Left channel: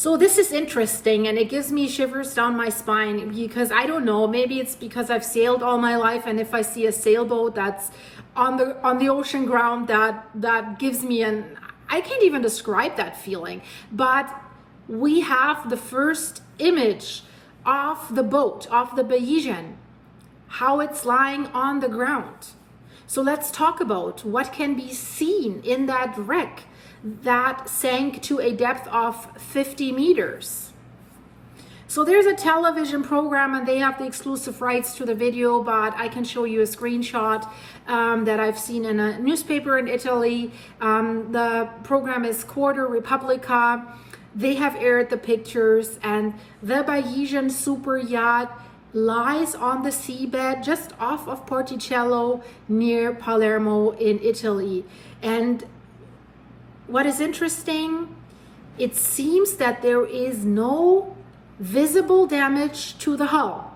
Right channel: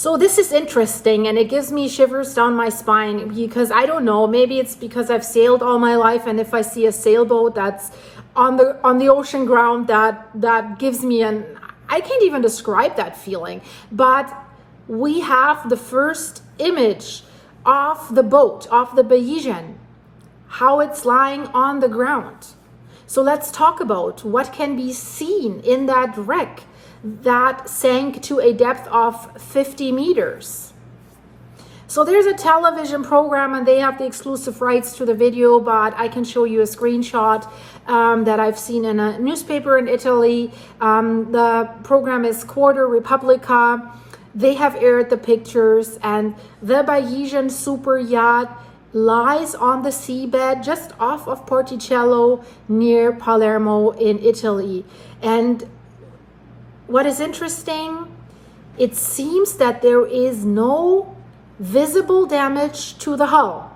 So this is interesting, and it gives me shivers down my spine because I don't know, maybe it's because I've sailed all my life, and if I see a sailboat that's on the ocean ground, that gives me I can't even describe that feeling. But we have the first image of the boat, of the Bayesian, how it's lying on the ground. So let's talk about what can be seen in that wreck that sank to a depth of 50 meters. So there's a television program and they have the exclusive rights to the video, but I can show you a screenshot that I've seen in a newspaper in Italy. The program is Quarter Repubblica. They have aired the pictures, and the Bayesian Superyacht lies on the seabed just off of Porticello near Palermo in Italy. And what is interesting, it seems that there is no visible damage to the hull.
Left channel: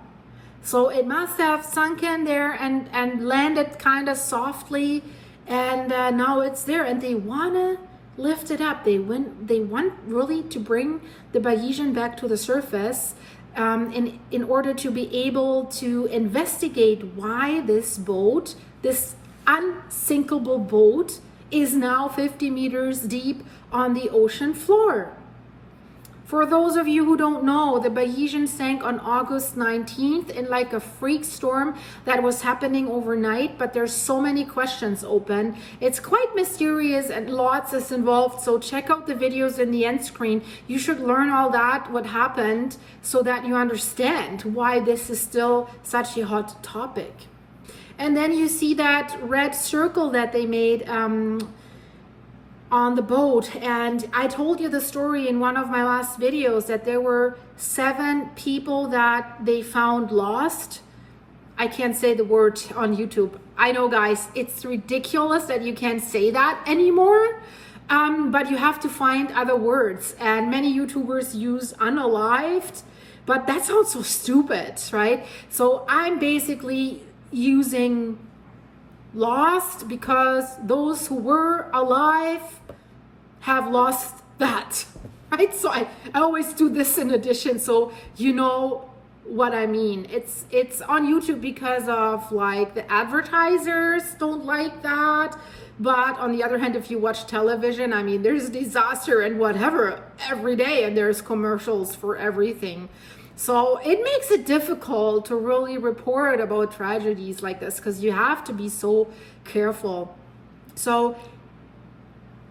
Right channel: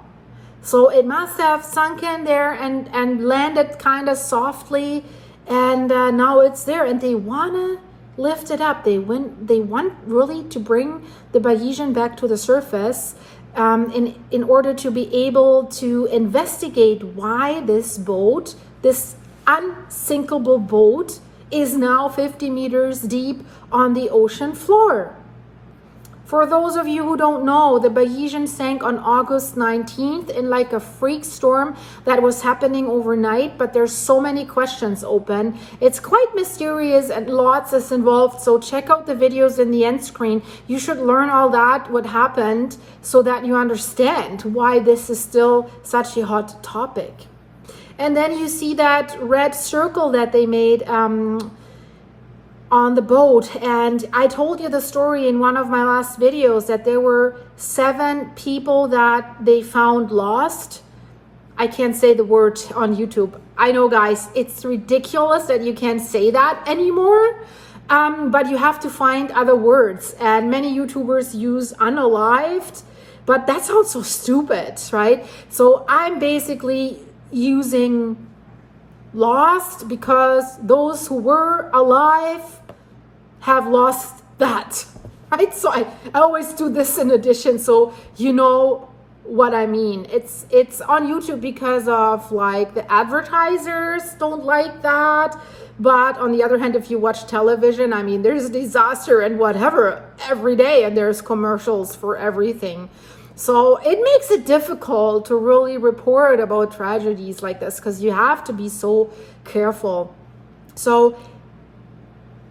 So it must have sunken there and landed kind of softly, and now it's there, and they want to lift it up. They want really to bring the Bayesian back to the surface in order to be able to investigate why this boat, this unsinkable boat, is now 50 meters deep on the ocean floor. For those of you who don't know, the Bayesian sank on August 19th in like a freak storm that was happening overnight, but there's so many questions open. It's quite mysterious and lots is involved, so check out the videos in the end screen. You should learn all that, what happened, so that you understand why this is still such a hot topic. And then you see that red circle that they made on the boat. And I told you the story in one of my last videos that there were 7 people that they found lost. I can't say the word on YouTube. I know, guys, it's ridiculous that you can't say that anymore. But you have to find other words. And many YouTubers use unalived, but that sounds so stupid, right? So I'm basically using lost because those who were alive have lost that, right? So I always do this in addition, so you know what I mean. It's on YouTube because of like the advertisers don't like that, but on the other hand, if you watch television, I mean, there's disaster and whatever every day, and there's commercials for everything. So it makes it difficult to really report about tragedies like this because you have to be so careful. So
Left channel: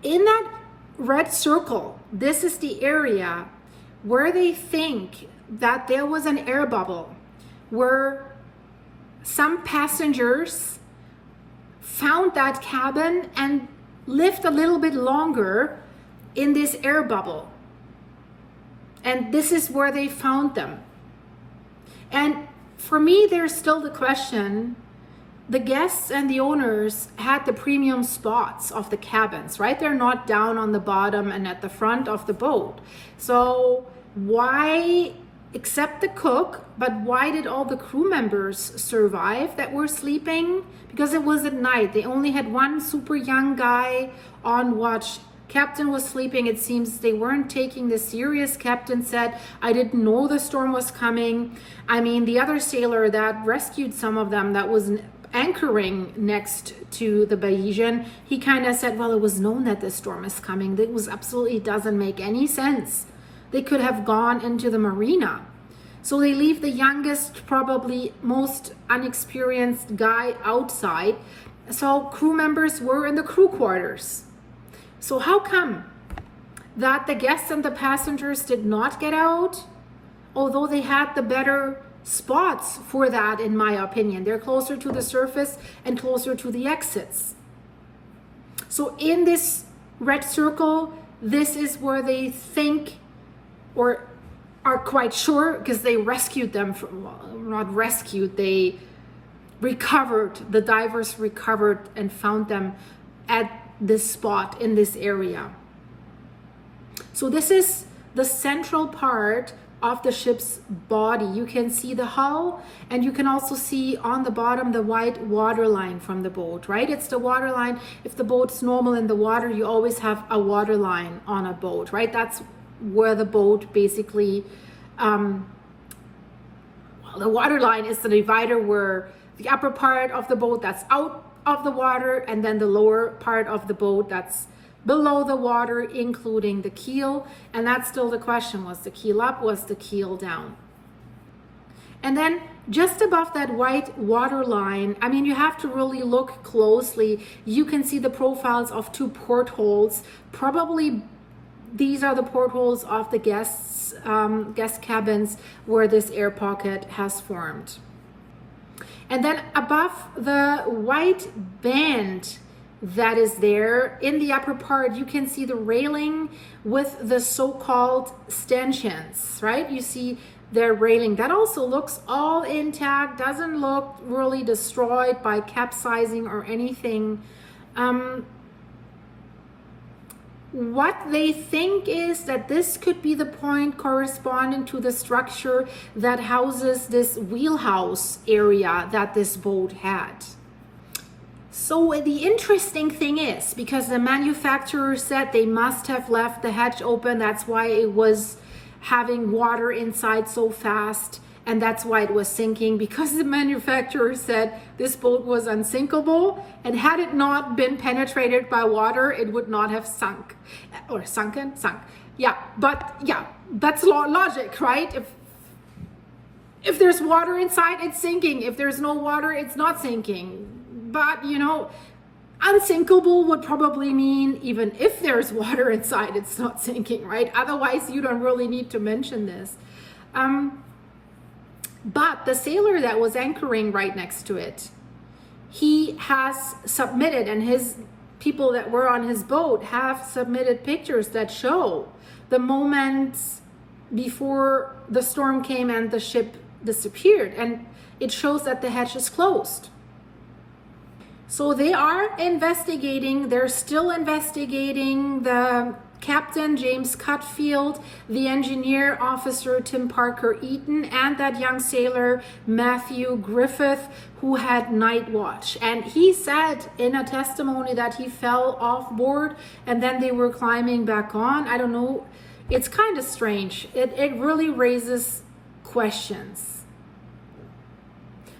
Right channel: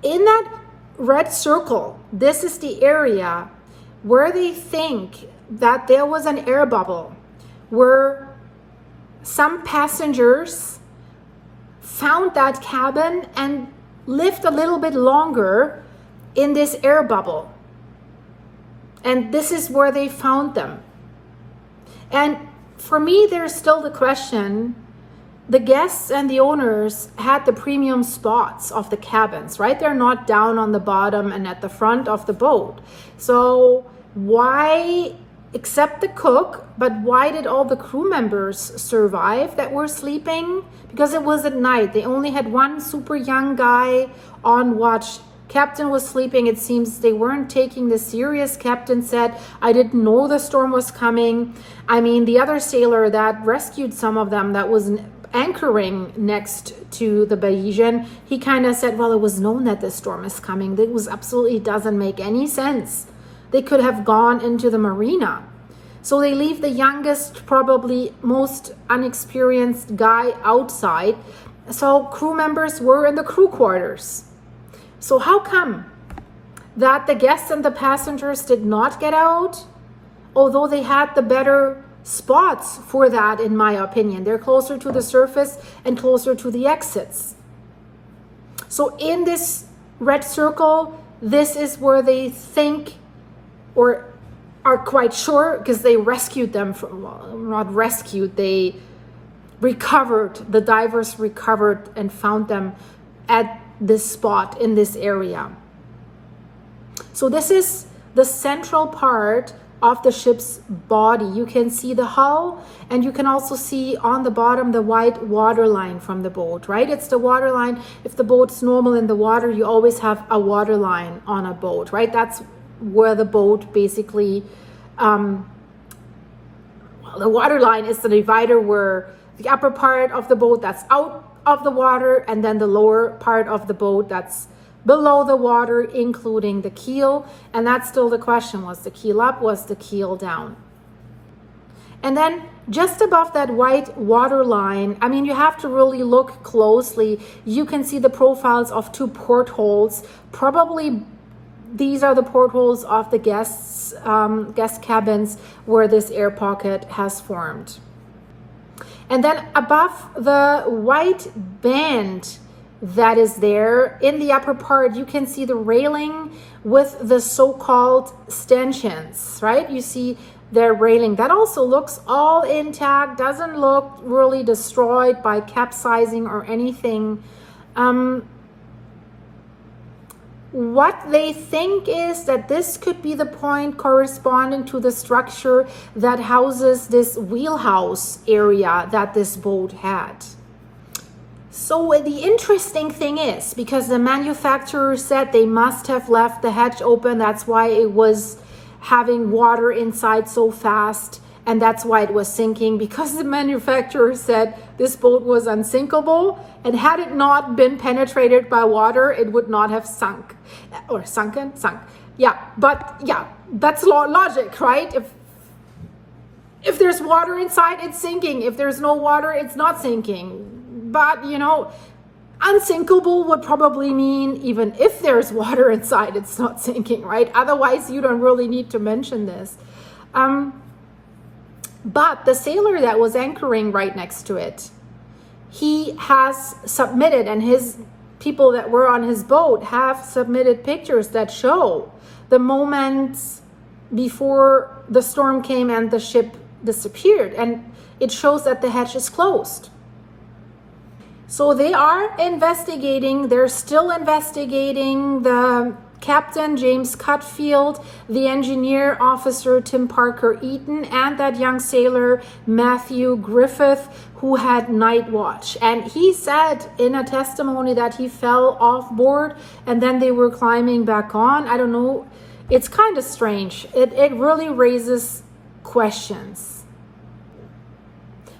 in that red circle, this is the area where they think that there was an air bubble, where some passengers found that cabin and lived a little bit longer in this air bubble. And this is where they found them. And for me, there's still the question, the guests and the owners had the premium spots of the cabins, right? They're not down on the bottom and at the front of the boat. So why, except the cook, but why did all the crew members survive that were sleeping? Because it was at night. They only had one super young guy on watch. Captain was sleeping. It seems they weren't taking this serious. Captain said, I didn't know the storm was coming. I mean, the other sailor that rescued some of them that was anchoring next to the Bayesian, he kind of said, well, it was known that this storm is coming. It was absolutely doesn't make any sense. They could have gone into the marina. So they leave the youngest, probably most unexperienced guy outside. So crew members were in the crew quarters. So how come that the guests and the passengers did not get out, although they had the better spots for that, in my opinion? They're closer to the surface and closer to the exits. So in this red circle, this is where they think, or are quite sure, because they rescued them from, well, not rescued, they recovered, the divers recovered and found them at this spot in this area. So this is the central part of the ship's body. You can see the hull, and you can also see on the bottom the white water line from the boat, right? It's the water line. If the boat's normal in the water, you always have a water line on a boat, right? That's where the boat basically, well, the water line is the divider where the upper part of the boat that's out of the water, and then the lower part of the boat that's below the water, including the keel. And that's still the question: was the keel up, was the keel down? And then just above that white water line, I mean, you have to really look closely. You can see the profiles of two portholes. Probably these are the portholes of the guest cabins where this air pocket has formed. And then above the white band that is there in the upper part, you can see the railing with the so-called stanchions, right? You see their railing that also looks all intact, doesn't look really destroyed by capsizing or anything. What they think is that this could be the point corresponding to the structure that houses this wheelhouse area that this boat had. So the interesting thing is, because the manufacturer said they must have left the hatch open, that's why it was having water inside so fast, and that's why it was sinking, because the manufacturer said this boat was unsinkable, and had it not been penetrated by water, it would not have sunk. Or sunk. Yeah, but yeah, that's logic, right? If there's water inside, it's sinking. If there's no water, it's not sinking. But, you know, unsinkable would probably mean even if there's water inside, it's not sinking, right? Otherwise, you don't really need to mention this. But the sailor that was anchoring right next to it, he has submitted, and his people that were on his boat have submitted pictures that show the moments before the storm came and the ship disappeared. And it shows that the hatch is closed. So they are investigating, they're still investigating the captain, James Cutfield, the engineer officer, Tim Parker Eaton, and that young sailor, Matthew Griffith, who had night watch. And he said in a testimony that he fell off board and then they were climbing back on. I don't know. It's kind of strange. It really raises questions.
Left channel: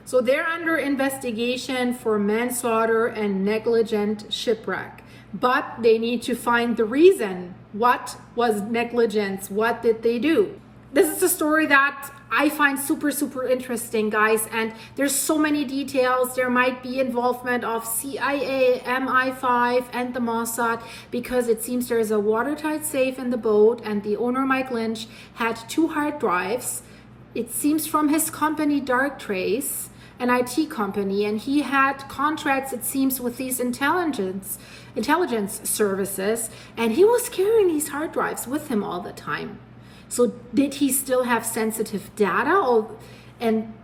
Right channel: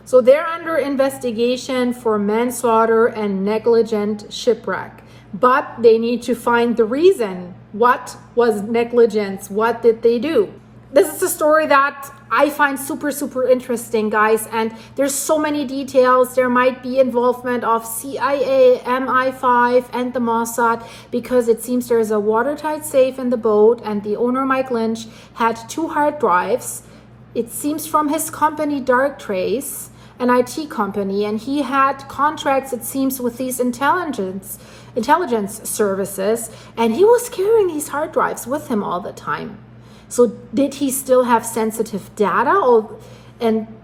So they're under investigation for manslaughter and negligent shipwreck, but they need to find the reason. What was negligence? What did they do? This is a story that I find super, super interesting, guys. And there's so many details. There might be involvement of CIA, MI5, and the Mossad, because it seems there's a watertight safe in the boat, and the owner, Mike Lynch, had 2 hard drives. It seems from his company, Dark Trace, an IT company, and he had contracts, it seems, with these intelligence services, and he was carrying these hard drives with him all the time. So did he still have sensitive data? And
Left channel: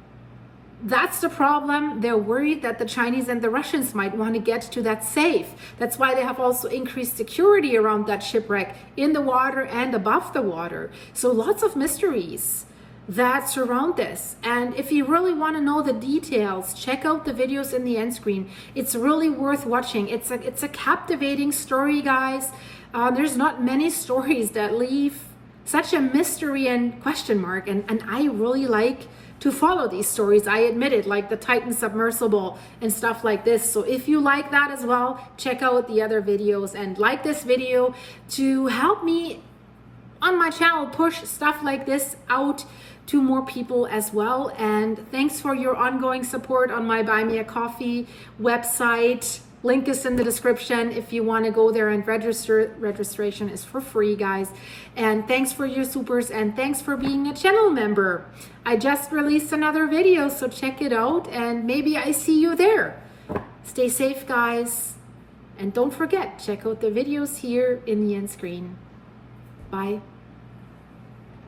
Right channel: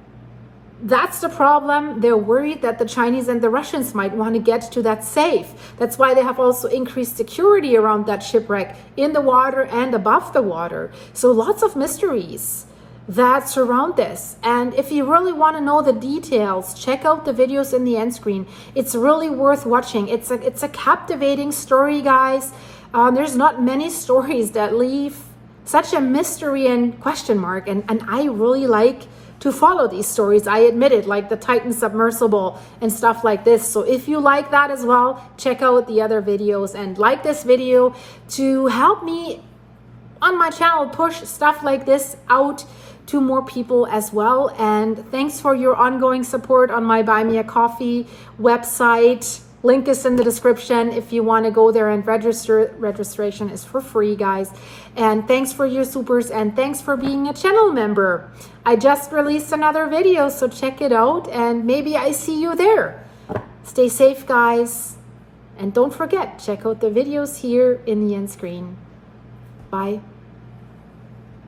that's the problem. They're worried that the Chinese and the Russians might want to get to that safe. That's why they have also increased security around that shipwreck, in the water and above the water. So lots of mysteries that surround this. And if you really want to know the details, check out the videos in the end screen. It's really worth watching. It's a captivating story, guys. There's not many stories that leave such a mystery and question mark, and I really like to follow these stories. I admit it, like the Titan submersible and stuff like this. So if you like that as well, check out the other videos and like this video to help me on my channel push stuff like this out to more people as well. And thanks for your ongoing support on my Buy Me a Coffee website. Link is in the description if you want to go there and register. Registration is for free, guys. And thanks for your supers, and thanks for being a channel member. I just released another video, so check it out, and maybe I see you there. Stay safe, guys. And don't forget, check out the videos here in the end screen. Bye.